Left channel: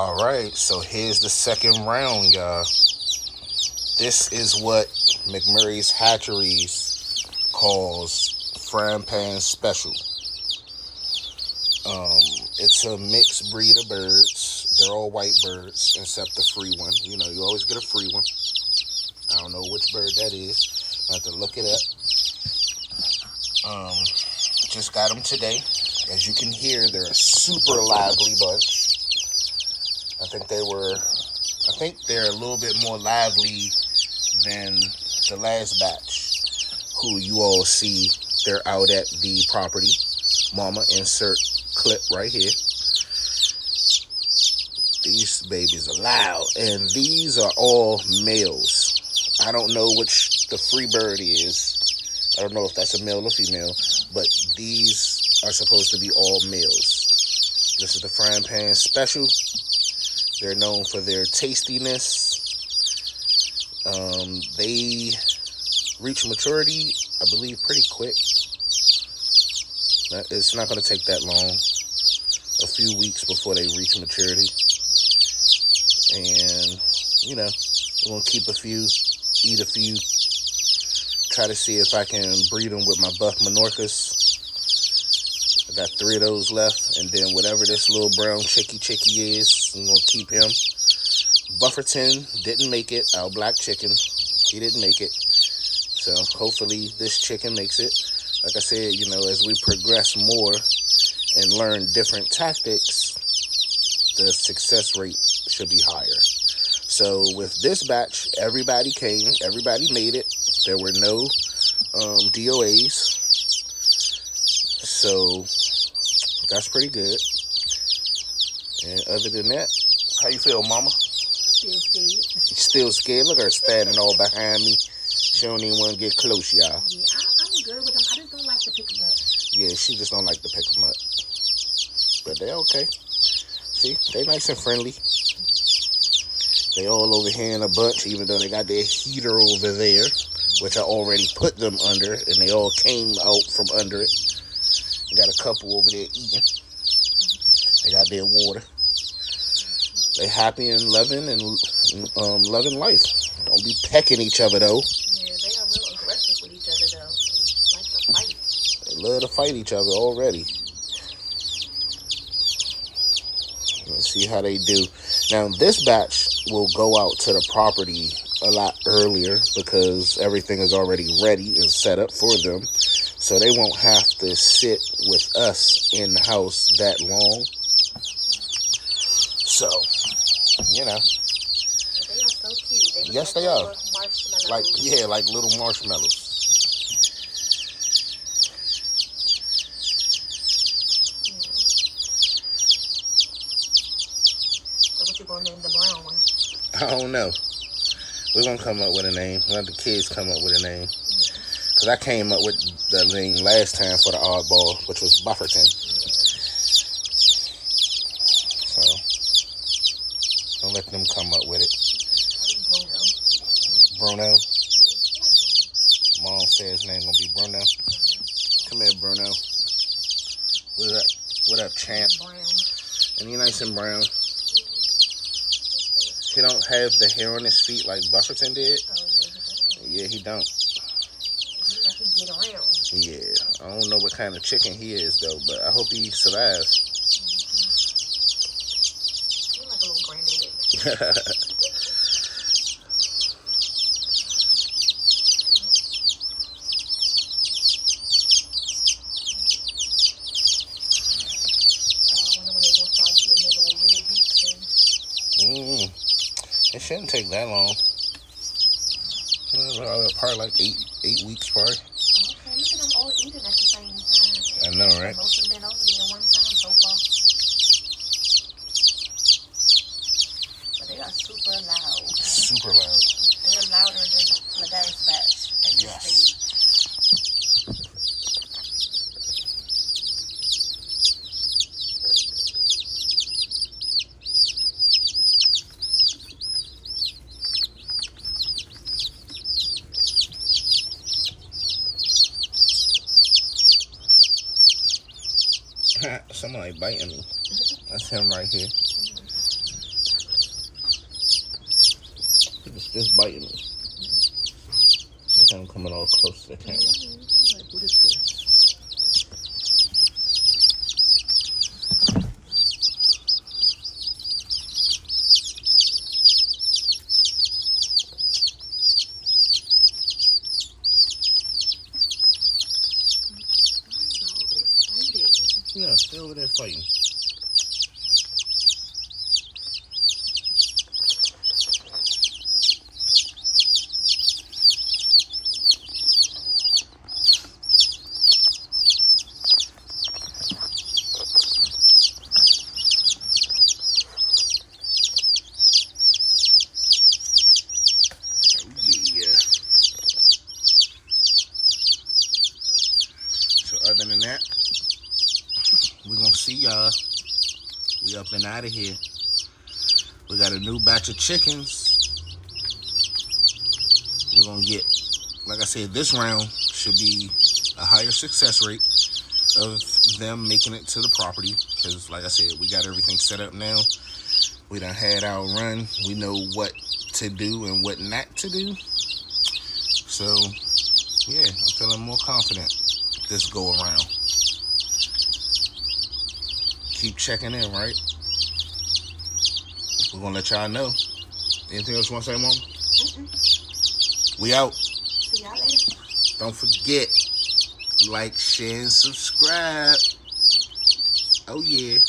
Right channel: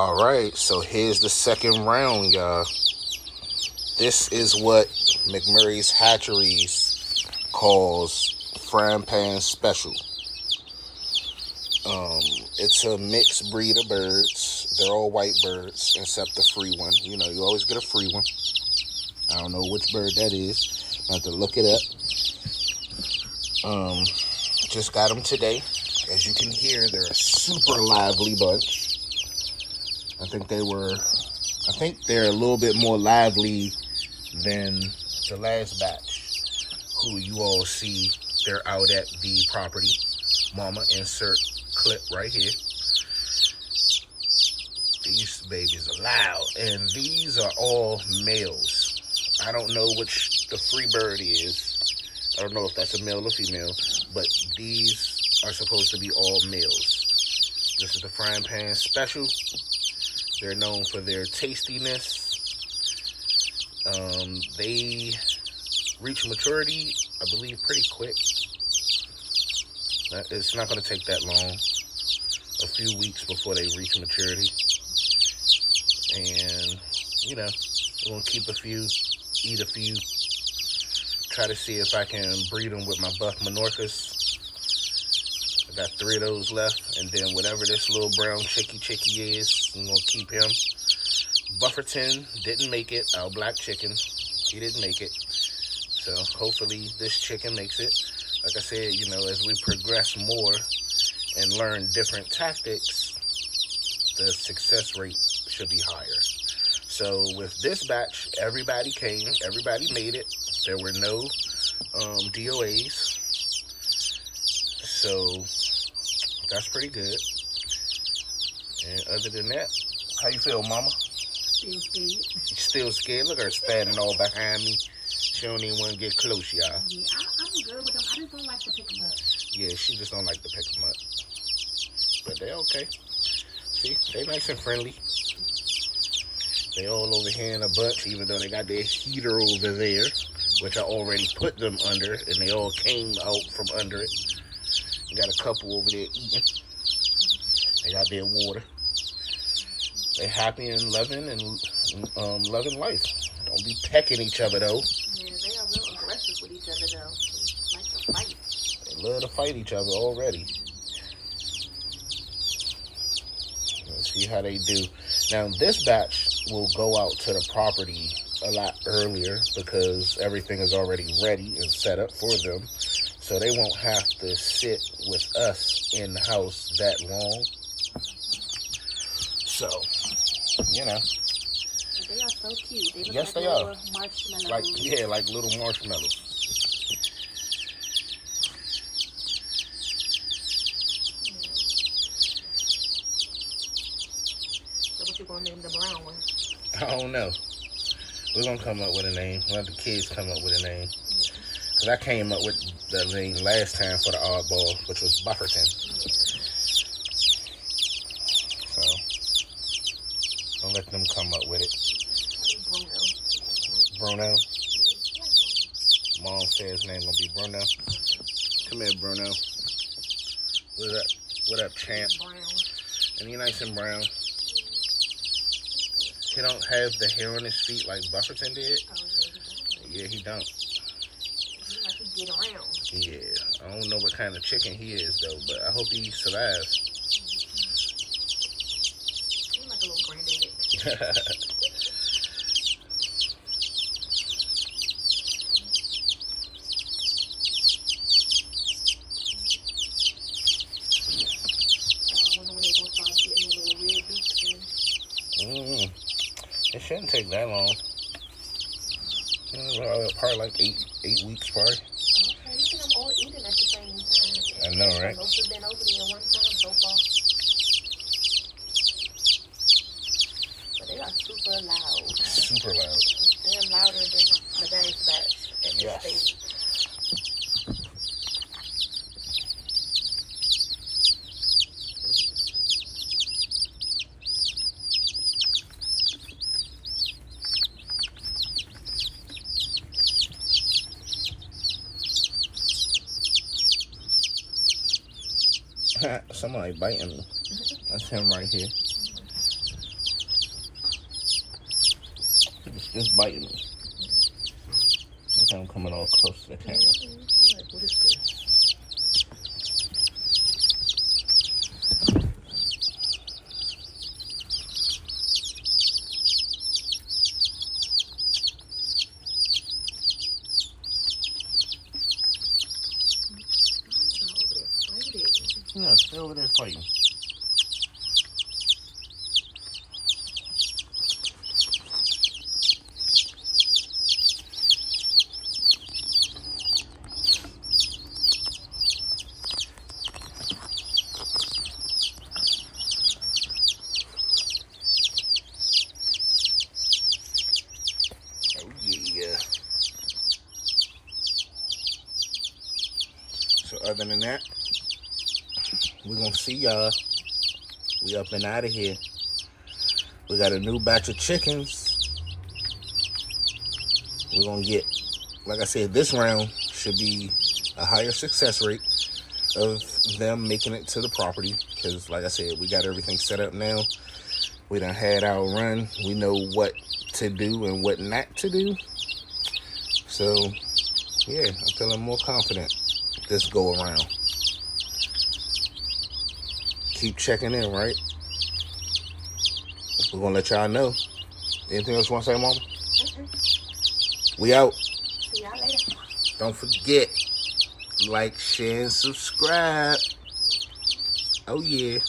Alright, so here's the second round, y'all. This is what McMurray's Hatcheries calls Pham Special. It's a mixed breed of birds. They're all white birds, except the free one. You know, you always get a free one. I don't know which bird that is. I have to look it up. Just got them today. As you can hear, they're a super lively bunch. I think they're a little bit more lively than the last batch, who you all see. They're out at the property. Mama, insert clip right here. These babies are loud, and these are all males. I don't know which the free bird is. I don't know if that's a male or female, but these are supposed to be all males. This is the Frying Pan Special. They're known for their tastiness. They reach maturity, I believe, pretty quick. It's not going to take that long. A few weeks before they reach maturity. And, you know, we're going to keep a few, eat a few. Try to see if I can breed them with my buff Menorcas. I got 3 of those left. And then whatever this little brown chickie is, I'm going to keep him. Bufferton didn't make it. Our black chicken, he didn't make it. So hopefully this chicken makes it. Like I said, you know, as we progress more and learn different tactics, the success rate should be higher. So with this batch, everybody came, everybody made it. There were no DOAs. So that's pretty good. And other than that, how you feel, Mama? Still scared. Still scared? Look at her standing all behind me. She don't even want to get close, y'all. Yeah, I'm good with them. I just don't like to pick them up. Yeah, she just don't like to pick them up. But they're okay. See, they nice and friendly. They all over here in a bunch, even though they got their heater over there, which I already put them under, and they all came out from under it. We got a couple over there eating. They got their water. They happy and loving loving life. Don't be pecking each other though. Yeah, they are real aggressive with each other though. They like to fight. They love to fight each other already. Let's see how they do. Now this batch will go out to the property a lot earlier because everything is already ready and set up for them. So they won't have to sit with us in the house that long. So, you know. But they are so cute. They look Yes, like they are. Marshmallows. Like little marshmallows. Yeah. So what you gonna name the brown one? I don't know. We're gonna come up with a name. Let the kids come up with a name. Because I came up with the name last time for the oddball, which was Bufferton. So, don't let them come up with it. Bruno. Mom said his name gonna be Bruno. Come here, Bruno. What up, champ? Brown. And you nice and brown. He don't have the hair on his feet like Bufferton did. Oh yeah, he does. Yeah, he don't. He like he get around. Yeah, I don't know what kind of chicken he is though, but I hope he survives. He like a little granddad. I wonder when they gonna start getting their little red beaks in. It shouldn't take that long. Probably like eight weeks, probably. Okay, look at them all eating at the same time. I know, right? Most have been over there one time so far. But they are super loud. Super loud. They're louder than the gas batch at this Yes. stage. Somebody biting me. That's him right here. Just biting me. Look, I'm coming all close to the camera. Like, what is this? Yeah, stay over there fighting. Oh yeah. So other than that, we're gonna see y'all. We up and out of here. We got a new batch of chickens. We're gonna get, like I said, this round should be a higher success rate of them making it to the property. Because like I said, we got everything set up now. We done had our run. We know what to do and what not to do. So yeah, I'm feeling more confident this go around. Keep checking in, right? We're gonna let y'all know. Anything else you want to say, Mama? We out. See y'all later. Don't forget, like, share, and subscribe. Oh yeah.